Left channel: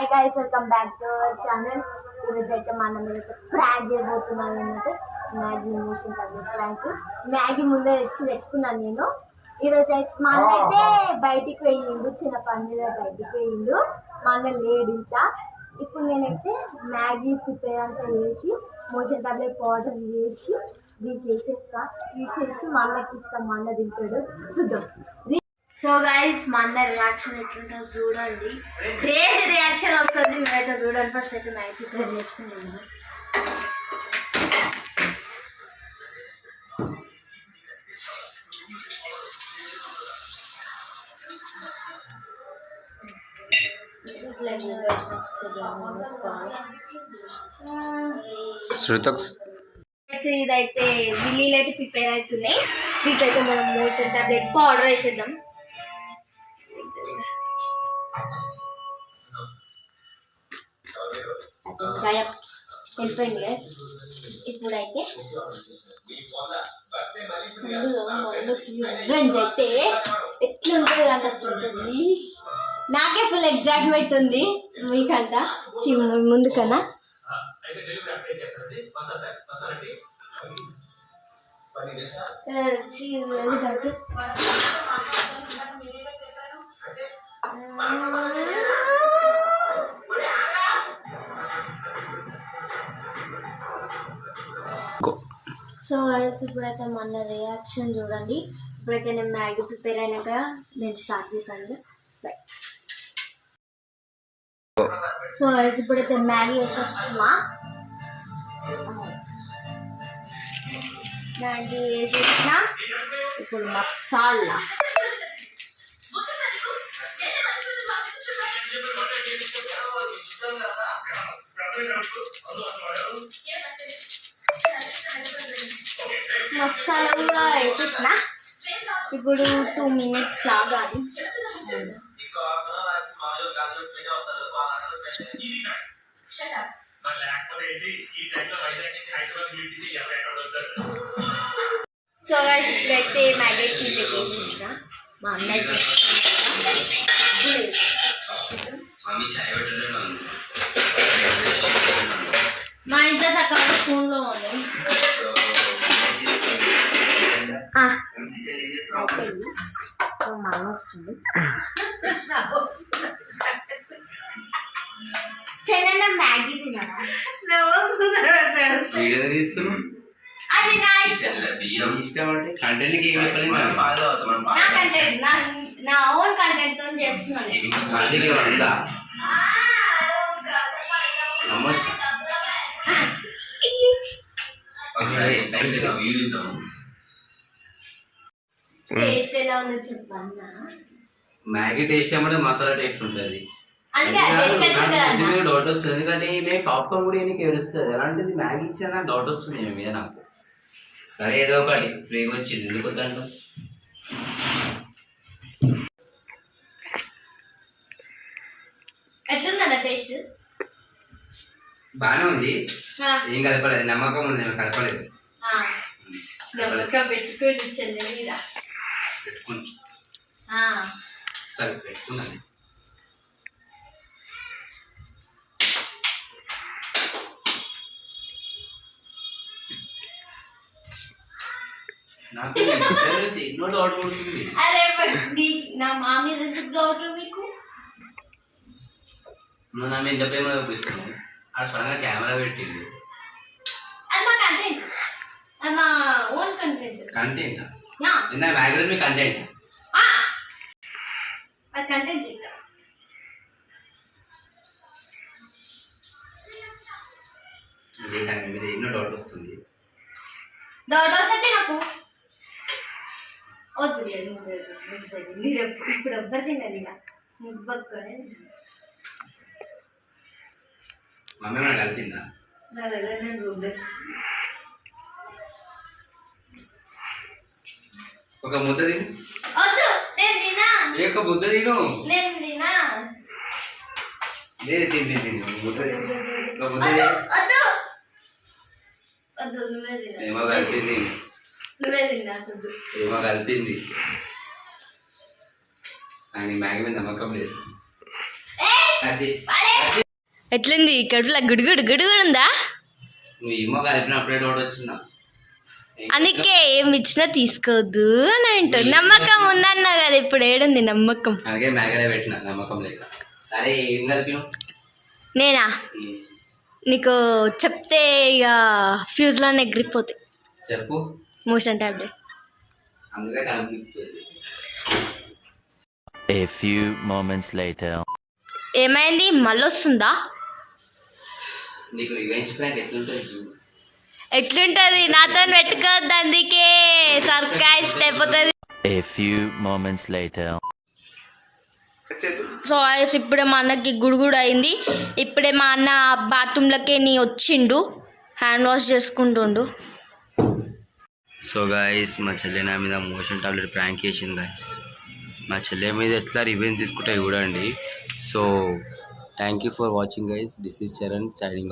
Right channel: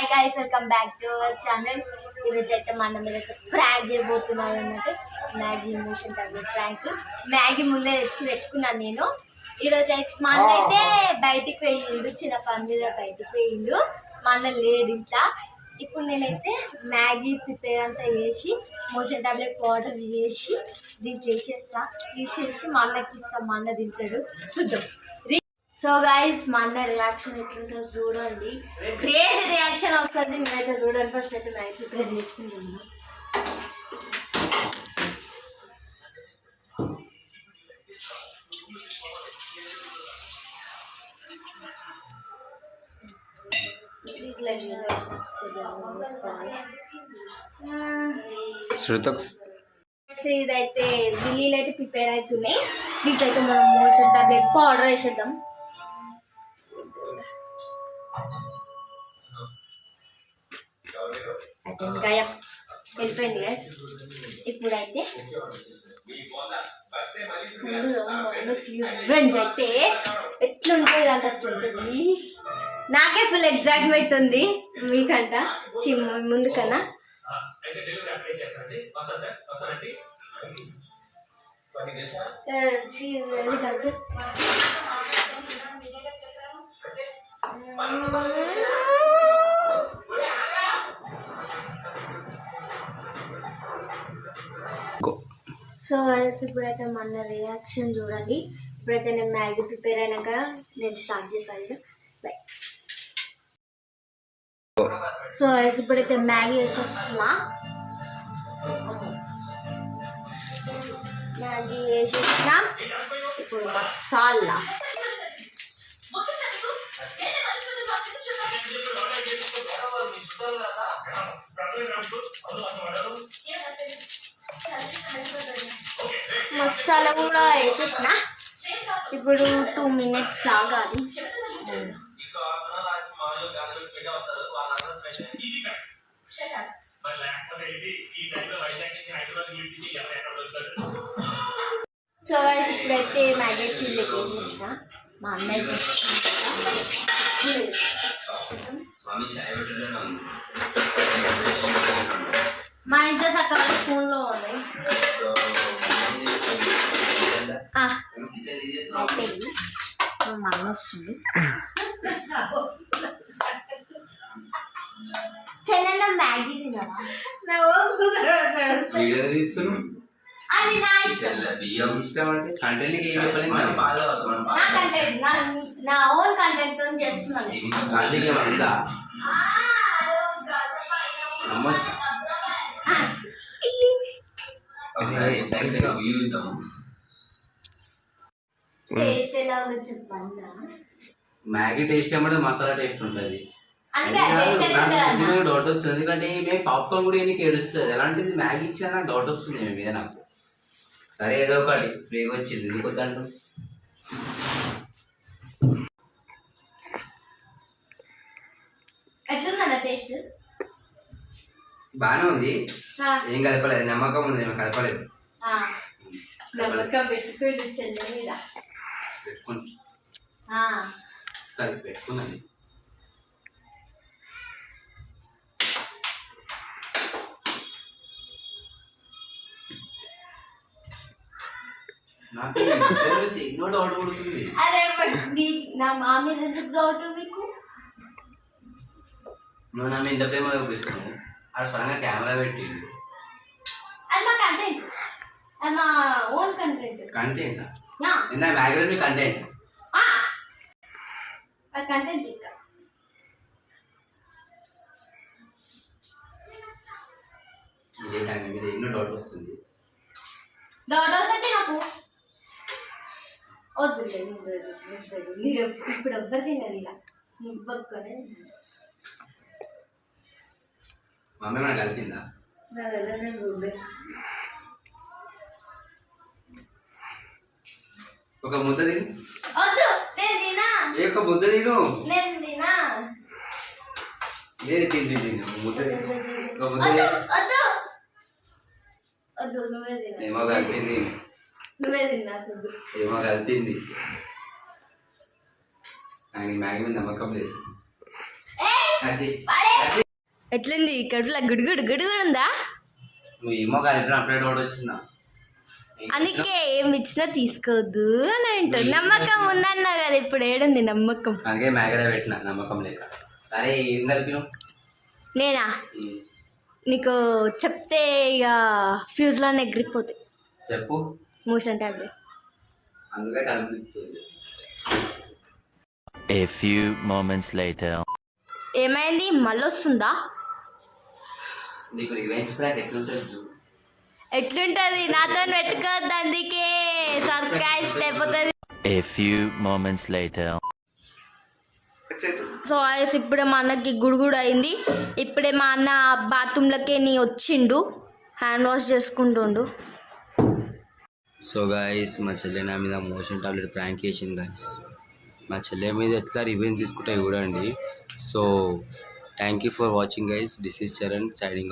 Hi guys welcome back to our channel ఈరోజు అయితే మన మీద అయితే ప్రాంక్ చేయబోతున్నాను అన్నట్టు Maggi motion tablet prank Maggi ముందే తెచ్చి పెట్టుకున్నాను నేను. ఈరోజు అయితే మా అన్న అయితే బయటికి పోయిండు చిన్న పని మీద బయటికి పోయిండు. మా అన్న లేడు ఇంట్లో ఇప్పుడు నేనైతే మ్యాగీ ప్రిపేర్ అంతా చేసి మోషన్ టాబ్లెట్ పౌడర్ చేసి దీంట్లో వేసేస్తా. తీసేసి మా అన్నకి ఇస్తాం మా అన్న తింటాడు. చూద్దాం. సో గైస్ మా అన్న రియాక్షన్ ఎట్లుంటుందో చూడండి. క్రేజీ రియాక్షన్ వస్తుంది. మేమైతే చూడండి. ఫస్ట్ అయితే మ్యాగీ ప్రిపేర్ చేసుకున్నాము శృతక్ ఇదైతే విల్లీలు అయితే ప్రిపేర్ అవుతున్నాయి. దీంట్లో అయితే మనం మోషన్ టాబ్లెట్ పౌడర్ వేసేద్దాం అయితే గాయం వెళ్ళిపోయింది గైస్ ఇప్పుడైతే రివెంజ్ అయితే ఎట్లుంటుంది అంటే అట్లుంటుంది నాకే ఫుల్ ఎగ్జాక్ట్మెంట్ ఉంది మీకంట. చి ముందు కన్నా ఆ, సో గైస్ ఇప్పుడైతే మన రియాక్షన్ చూడండి. ఇప్పుడైతే నేను మ్యాగీ ప్రిపేర్ అయినాక నేను స్టార్ట్ చేశాను. బై సో గైస్ ఇప్పుడైతే మ్యాగీ వేసేస్తున్నా. మ్యాగీ వేసేసిన. ఇప్పుడు మసాలా. మసాలా కూడా వేసేసిన. ఇప్పుడు టూ మినిట్స్ ఆగాలి. సో ఇప్పుడైతే మ్యాగీ వేసేసిన. మా అన్నయ్య మా ఇంట్లో సగం అయిపోయింది మా మామ వస్తుంది చెన్న మ్యాగీ తినరా వీడియో తీస్తున్నాం అది నా ఇష్టం బియ్యం ఇష్టం అంటే కంటెంట్ ఏం చెప్పలేదు మరి నా కంటెంట్ నా నా ఓన్ కంటెంట్తో చేస్తున్నాను అందుకే నమ్మొచ్చు టేస్ట్ ఎలా ఉందో చెప్పన్నా మ్యాగీ టేస్ట్ ఏమంటే మసాలా టేస్ట్ ఉంటుంది. డౌట్ వస్తుంది. ఎందుకంటే మేము పాప్కార్న్ కూడా నీకు ఏడుస్తుంది? అలాంటిది మ్యాగీ ఇచ్చినా నాకు డౌట్ వస్తుంది మీద నాకు. సరే ఏదో ఒకటి. ఫ్రీగా వచ్చింది. ఎందుకు ఎట్లుందన్న టేస్ట్ బాగానే ఉంది. ఏం కలపలేదు. నమ్మకం ఉంది నేను కలపలేదు. నమ్మకం పెట్టుకోండి చెల్లె మీద పెట్టుకుని. ఆ, సరే పెట్టుకున్నాను. నాకు ఎన్నో డౌట్ పడుతుంది. అరే మరి నీ- మా మీద ఎందుకు డౌట్ మీకు నువ్వు నా మీద ఎంత ప్రేమ చూపిస్తున్నావు? ఆ సడన్గా కెమెరా పెట్టిండు. అది మా కంటెంట్ అది మా ఓన్ కంటెంట్ కంటెంట్ యా నిన్న మ్యాగ్రెట్ మీ కంటెంట్ ఆ అది కంటెంట్ ఇంకా లేదా మీ మీద ఎన్నో డౌట్ వస్తుంది. డౌట్ వస్తే నాకు. వద్దు మీరు ఇప్పుడు ఎవ్వరు తినరు ఇలా. నువ్వు పక్కనే మమ్మీ ఏమైనా కలిపిందా? నా నేను చూడలేదు ఒక ముద్ద తిను. వద్దు నేను తినా. ఏ ఒక ముద్ద తిను. నేను తినా. లేదు తిని తిను. ముద్ద ఒక ముద్ద వద్దు. వద్దు. వద్దు నువ్వే తినా. ఏమో కలిపింది నువ్వే తిన్నా ఏమో కలిపింది నాకు మ్యాగీ మీద నమ్మకం లేదు. అది ఎట్లుంది? కడుపులో గుడుగుడు గుడుగుడు ఉందా? నువ్వు ఏమో కలిపిన అప్పుడే డౌట్ వచ్చిందా అందుకే ఏమి ఇచ్చినా తీసుకోవద్దు అని అంటారు. నమ్మకం ఉందన్నా కదా ఇప్పుడు ఏడుంది నమ్మకం. అందుకే మ్యాగడే పెట్టిన నమ్మకం లేక. సరే ఏం కలిపినావు? నేనా. నీకు చెప్తే ఇక ఫ్యూజ్లో ఎగిరిపోతాయి. చెప్పు. Motion tablet. అందుకే కనిపిస్తుంది. A few moments later. ఏమైంది? మళ్ళీ వస్తుందా నీకు రివెంజ్ ప్లాన్ ఎట్లుంటుంది చూడు. ఎట్లుంటది? నాతో పెట్టుకోవద్దు అందుకే సర్కాస్ట్ అయిపోతుంది. A few moments later. So ice ఇప్పుడే మా అన్నకి గుడుగుడు అయింది ఇప్పుడే మా అన్న బాత్రూంలోకి నీ వచ్చిండు. హ్యాండ్ వాష్ చేసుకుంటుండు. సో గాయస్ మా చెల్లె నా మీద మోషన్ టాబ్లెట్ ప్రాంక్ చేసింది గాయస్ మా చెల్లె మీద ఎట్లా రివెంజ్ తీసుకుంటే చూడండి. So thank you for watching guys this is Charan siding